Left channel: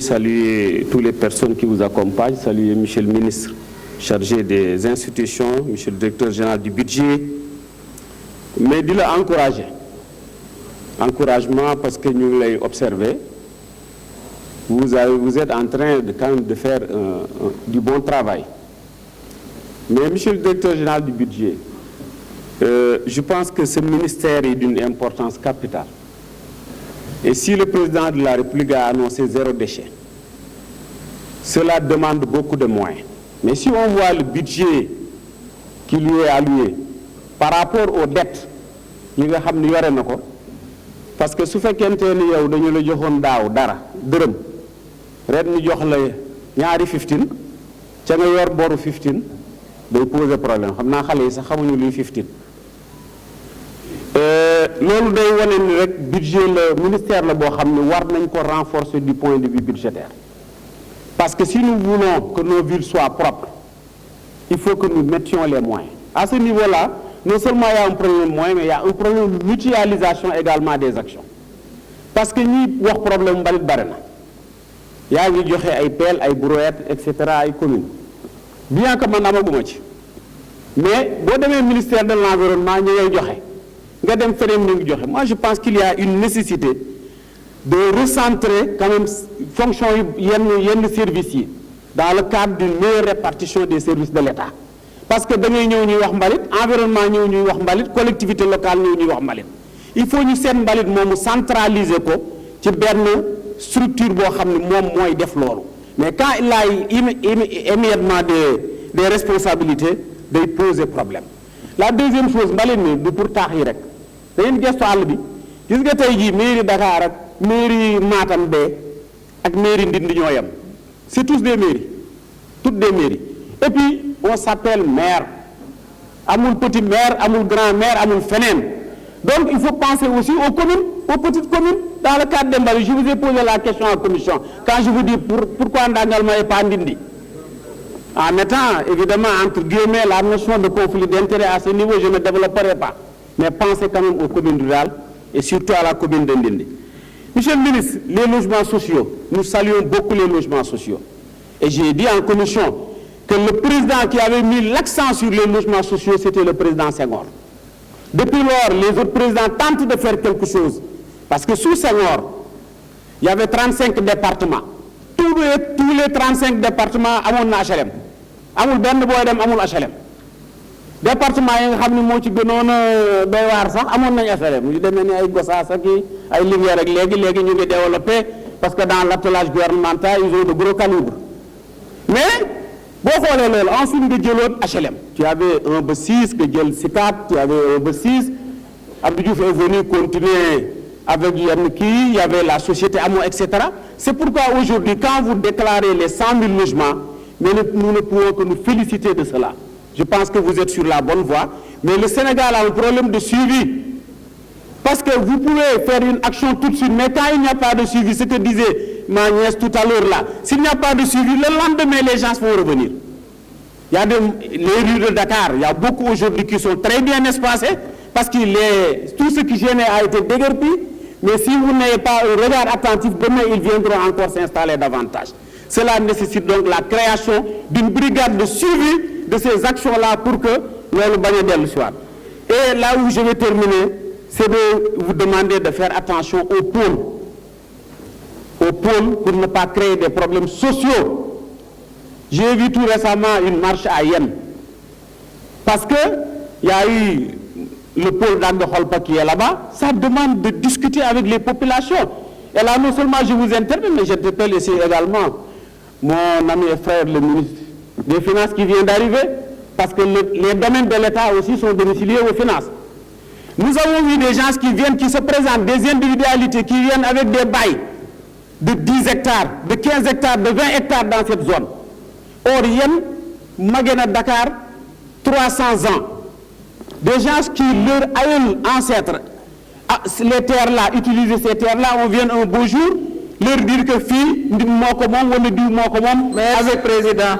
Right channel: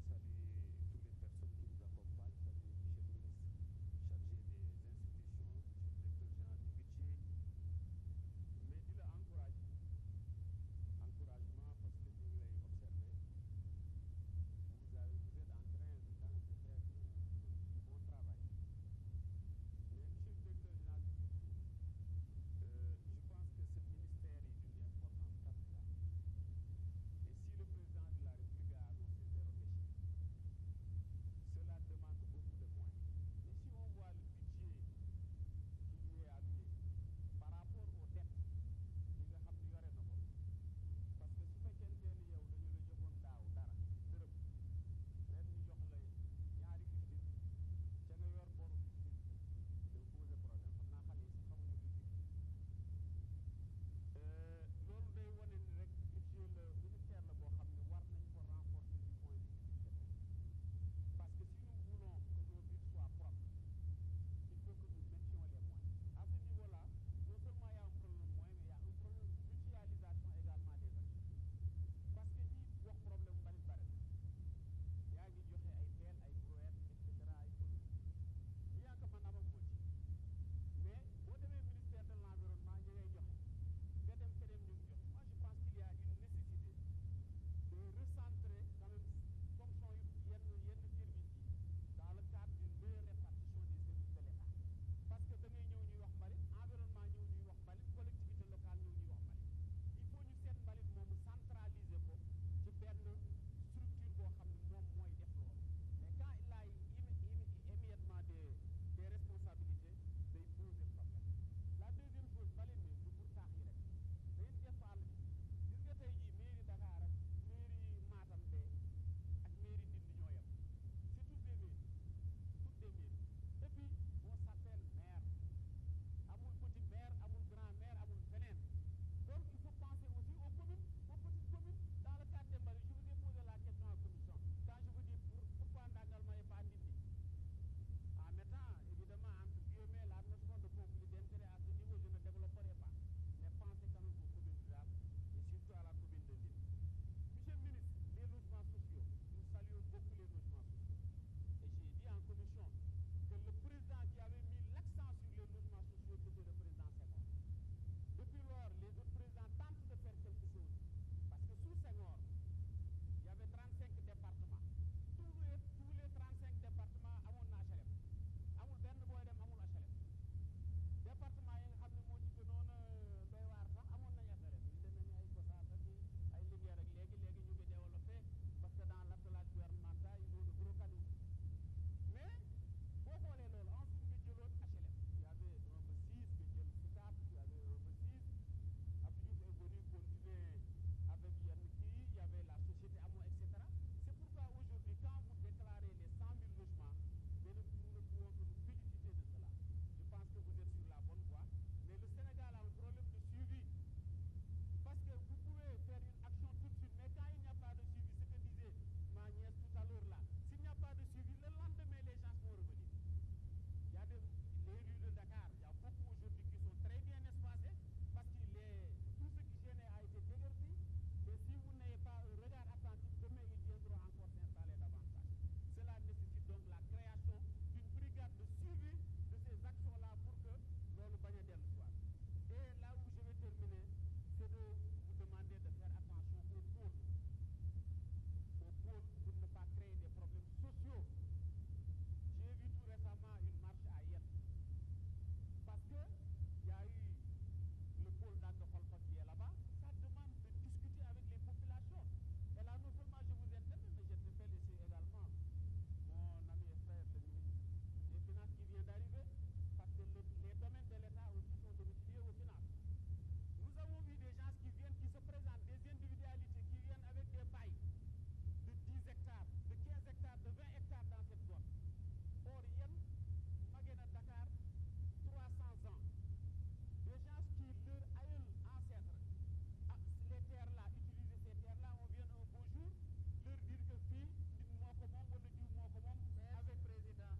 saluer toutes les personnes qui vous accompagnent, saluer Monsieur le ministre chargé des institutions, Monsieur le directeur général du budget, mais de l'encourager. Encouragement parce que nous l'avons observé. Vous êtes en train quand même de faire du bon travail. Mais Monsieur le directeur général du budget, je pense que ce ministère est d'une importance capitale. Et si le président de la République a annoncé 0 déchet, cela demande beaucoup de moyens. Mais si on voit le budget qui lui est alloué par rapport aux dettes, parce que si vous faites un peu de dara, dërëm, ren ñu jox la ñaari 15, ca nga yor boru 15, day poser problème. Xam naa xale yi sax xamuñu luy 15. Loolu day wane ni rek budget le ministère la boo xam ne war nañ ko renforcer du point de vue budgétaire. Parce que si nous voulons que nos villes soient propres, il faut que nous mettions les moyens. À ce niveau-là, non seulement il y a un problème de moyens, mais il y a un problème de mutualisation également des actions. Parce que nous avons un problème de barena. Il y a des pelles, des brouettes, etc., des communes. Bien que je n'ai pas de mais, si le ministère de l'Environnement, moi je pense qu'il y a une nécessité de recentrer quand même fonction de services dans le cadre d'une meilleure répartition des services de l'État. Parce que dans l'environnement, collectivité locale, il faut que nous centraliser une structure mais quand il a immédiatement des responsabilités, il pose des problèmes. La deuxième chose, c'est pour Tahirek. C'est une question à l'objet. Qu'est-ce que tu as dit, mairie Dakar, mairie Matam Bay, et mairie Ndindignooyam. C'est tous des mairies. Toutes des mairies. Et puis, on s'appelle maire. Amoul petit maire, amoul grand maire, amoul fenen. Donc, il faut penser aussi aux communes, aux petites communes. Dans le cadre d'Embali, je vous ai posé la question en commission. Quand je vous dis pourquoi Ndangalma n'est pas Ndindi. En mettant, évidemment, entre guillemets, la notion de conflit d'intérêt à ce niveau, je ne développerai pas. Mais pensez quand même aux communes rurales et surtout à la commune d'Indindi. Monsieur le ministre, les logements sociaux, nous saluons beaucoup les logements sociaux. Et j'ai dit en commission que le président qui avait mis l'accent sur les logements sociaux, c'était le président Senghor. Depuis lors, les autres présidents tentent de faire quelque chose. Parce que sous Senghor, il y avait 35 départements. Tous les 35 départements ont un HLM. Amul benn boy dem amul HLM. Département yi nga xamni mo ci gënoona doy war sax amon nañ HLM yu démé ni ay Gossas ak ay Linguère ak légui ñu ngi développer parce que dans l'attelage gouvernemental ils ont de gros calibres. Mais bo xolé lolu ensuite nga jëlone HLM. Tu avais un B6 que jël Sicap, tu avais un B6. Abdou Diouf est venu continuer avec Yannick, il y avait la société Amo, etc. C'est pourquoi aujourd'hui, quand vous déclarez les 100 000 logements, mais nous ne pouvons que nous féliciter de cela. Je pense que vous êtes sur la bonne voie. Mais le Sénégal a un problème de suivi. Parce que vous pouvez faire une action tout de suite, mais quand il n'y a pas de suivi, ce que disait ma nièce tout à l'heure là, s'il n'y a pas de suivi, le lendemain, les gens vont revenir. Il y a les rues de Dakar, il y a beaucoup aujourd'hui qui sont très bien espacées, parce que tout ce qui gênait a été déguerpi. Mais si vous n'avez pas un regard attentif, demain ils viendront encore s'installer davantage. Cela nécessite donc la création d'une brigade de suivi de ces actions-là pour que le bagne le soit. Et là où je vais terminer, c'est de vous demander de faire attention aux pôles. Aux pôles pour ne pas créer des problèmes sociaux. J'ai vu tout récemment une marche à Yen. Parce qu'il y a eu le pôle d'Agde-Holpa qui est là-bas, ça demande de discuter avec les populations. Et là, non seulement je vous interpelle, mais j'interpelle ici également mon ami et frère, le ministre des Finances qui vient d'arriver, parce que les domaines de l'État aussi sont domiciliés aux finances. Nous avons vu des gens qui viennent, qui se présentent, des individualités qui viennent avec des bails de 10 hectares, de 15 hectares, de 20 hectares dans cette zone. Or, Yen, Magana Dakar, 300 ans. Des gens qui, leurs ancêtres, les terres-là, utiliser ces terres-là, on vient un beau jour, leur dire que fille, avec président.